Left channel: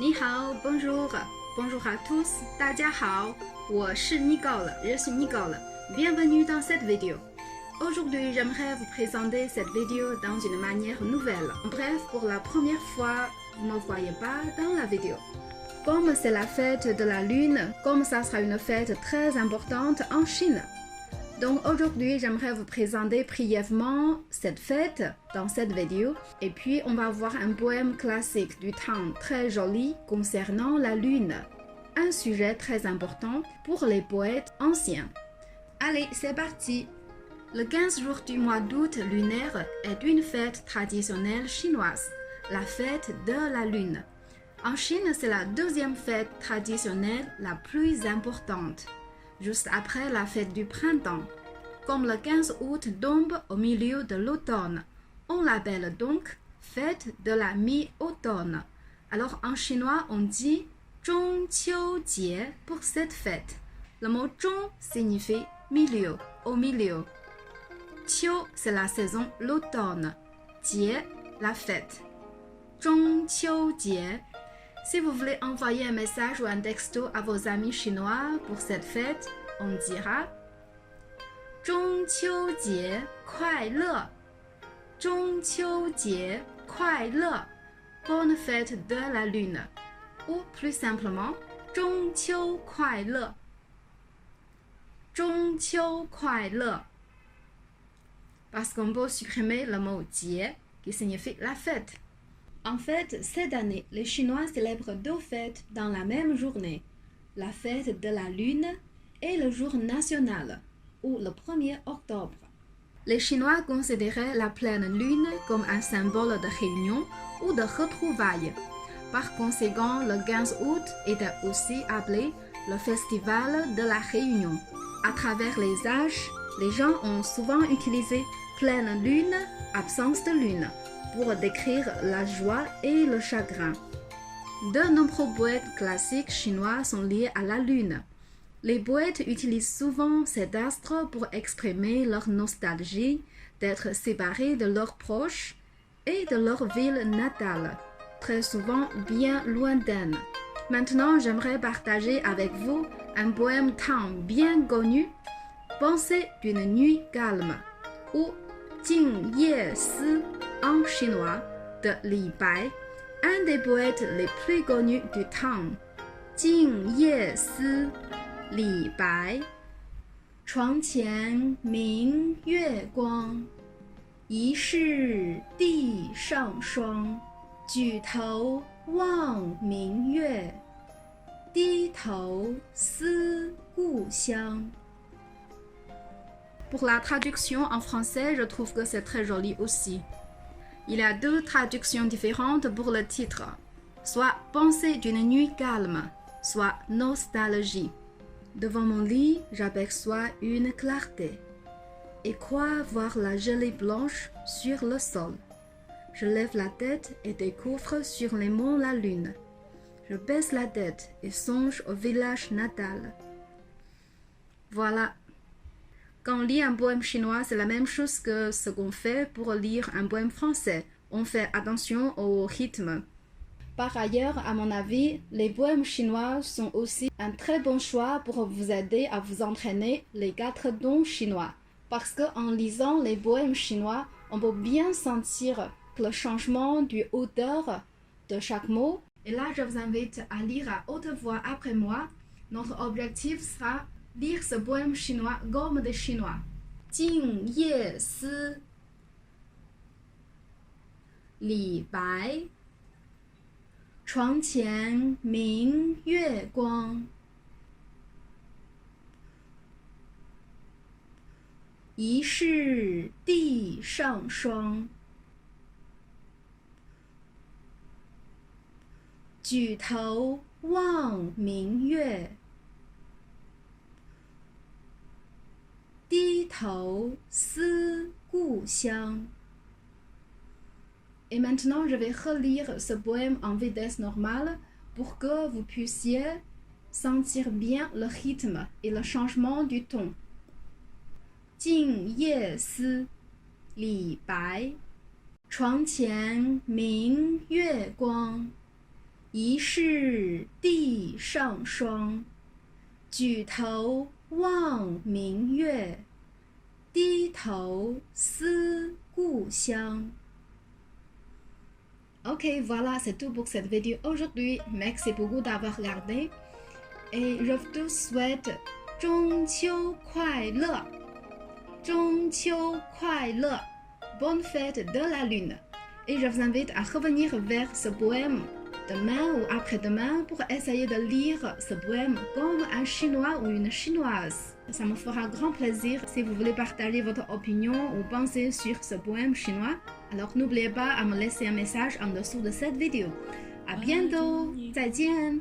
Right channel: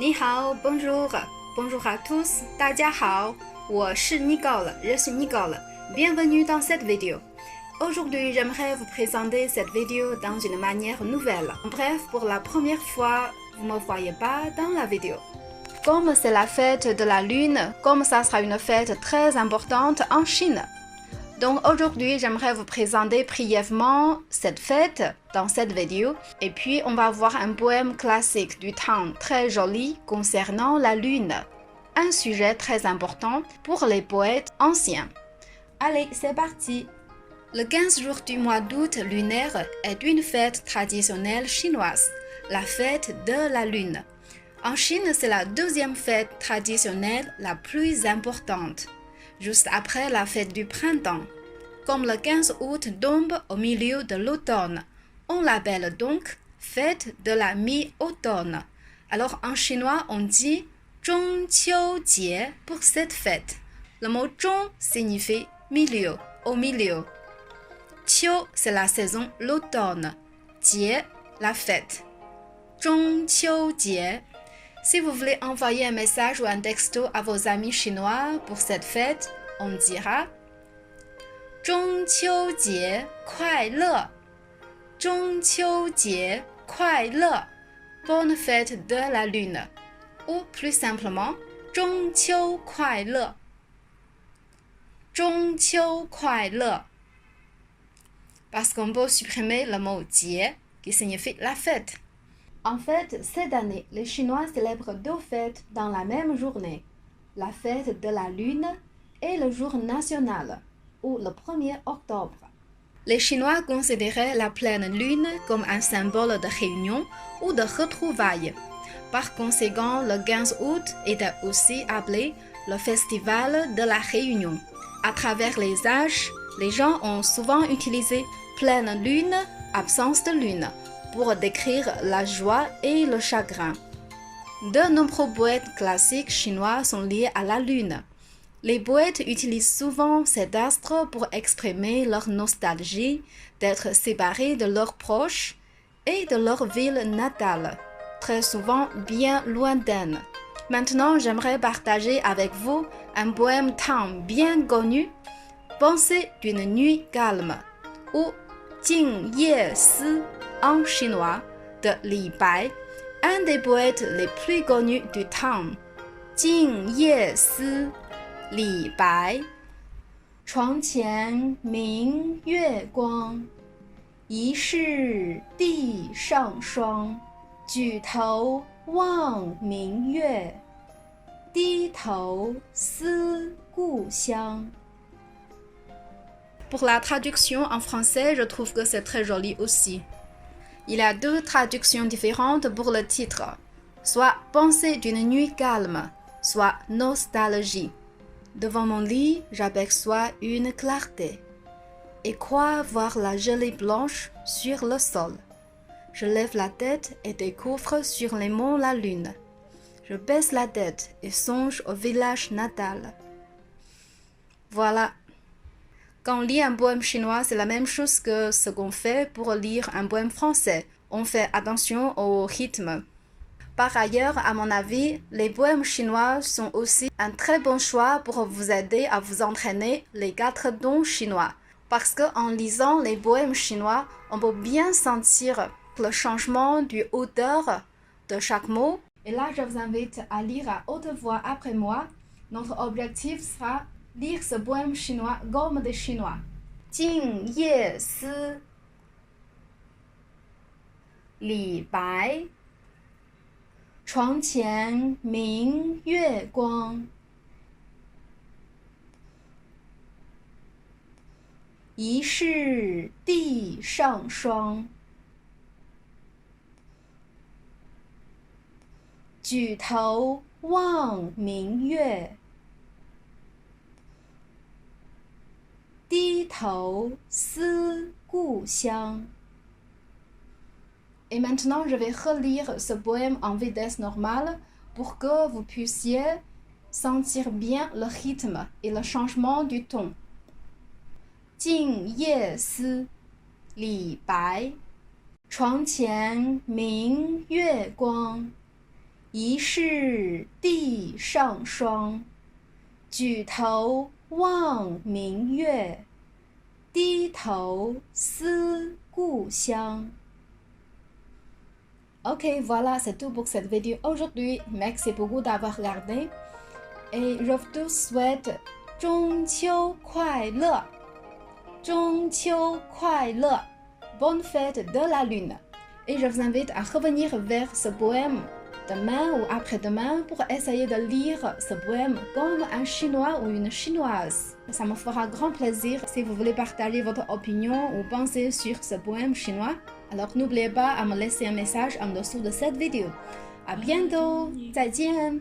你好 bonjour, bonjour à tous, 大家好，我是 Nicole, je suis Nicole. Bienvenue dans cette vidéo. Aujourd'hui, j'aimerais vous présenter cette vidéo dans une manière nouvelle. Bref, pour la première fois, vous ne me voyez pas dans la vidéo. Comme c'est la fête de la Lune, comme ça sera une fête très importante en Chine. Donc aujourd'hui, j'aimerais vous présenter brièvement cette fête dans cette vidéo. Et puis, on va voir un poème classique du temps très joli concernant la Lune. Un sujet très important pour les poètes anciens. Allez, c'est parti! Le 15 jours du mois d'août lunaire est une fête traditionnelle chinoise, la fête de la Lune. En Chine, c'est la deuxième fête traditionnelle la plus importante, juste après la fête du printemps. Comme le 15 août tombe au milieu de l'automne, on l'appelle donc fête de la mi-automne. Alors en chinois, on dit 中秋节 pour cette fête. Le mot 中 signifie milieu, au milieu. 秋 c'est la saison, l'automne. 节 la fête. 中秋节. Si vous voulez envoyer un message ou un texto à vos amis chinois pour cette fête, on dira 中秋节快乐中秋节快乐 Bonne fête de la Lune. Ou plus simplement, 中秋快乐中秋快乐 Parce qu'on peut supprimer le mot 节 qui signifie la fête. En fait, cette année, les Chinois célèbrent deux fêtes dans la même journée. La fête de la Lune et le jour national, ou le 1er octobre. Les Chinois considéraient la pleine lune comme un symbole de réunion ou de retrouvailles. Par conséquent, le 15 août était aussi appelé le festival de la réunion. À travers les âges, les gens ont souvent utilisé pleine lune, absence de lune, pour décrire la joie et le chagrin. De nombreux poètes classiques chinois sont liés à la lune. Les poètes utilisent souvent cet astre pour exprimer leur nostalgie d'être séparés de leurs proches et de leur ville natale, très souvent bien lointaine. Maintenant, j'aimerais partager avec vous un poème tang bien connu, Pensée d'une nuit calme, ou Jing Ye Si en chinois, de Li Bai, un des poètes les plus connus du temps. Jing Ye Si李白床前明月光疑是地上霜举头望明月低头思故乡 Pour la traduction en français, je trouve que c'est très joli aussi. Il y a deux traductions différentes pour le titre, soit Pensée d'une nuit calme, soit Nostalgie. Devant mon lit, j'aperçois une clarté et crois voir la gelée blanche sur le sol. Je lève la tête et découvre sur les monts la lune. Je baisse la tête et songe au village natal. Voilà. Quand on lit un poème chinois, c'est la même chose que ce qu'on fait pour lire un poème français. On fait attention au rythme. Par ailleurs, à mon avis, les poèmes chinois sont aussi un très bon choix pour vous aider à vous entraîner les 4 tons chinois. Parce qu'en lisant les poèmes chinois, on peut bien sentir le changement du hauteur de chaque mot. Et là, je vous invite à lire à haute voix après moi. Notre objectif sera lire ce poème chinois comme des Chinois. Jing Ye Si Li Bai床前明月光疑是地上霜举头望明月低头思故乡 Et maintenant, je vais relire ce poème en vitesse normale pour que vous puissiez sentir bien le rythme et le changement du ton. Jing Ye Si, Li Bai, 床前明月光，疑是地上霜，举头望明月，低头思故乡。Ok, voilà, c'est tout pour cette vidéo aujourd'hui. Merci beaucoup d'avoir regardé. Et je vous souhaite 中秋快乐，中秋快乐 Bonne fête de la lune. Et je vous invite à revenir vers ce poème demain ou après-demain pour essayer de lire ce poème comme un chinois ou une chinoise. Ça me fera grand plaisir si vous voulez partager votre opinion ou pensée sur ce poème chinois. Alors n'oubliez pas à me laisser un message en dessous de cette vidéo. À bientôt, 再见。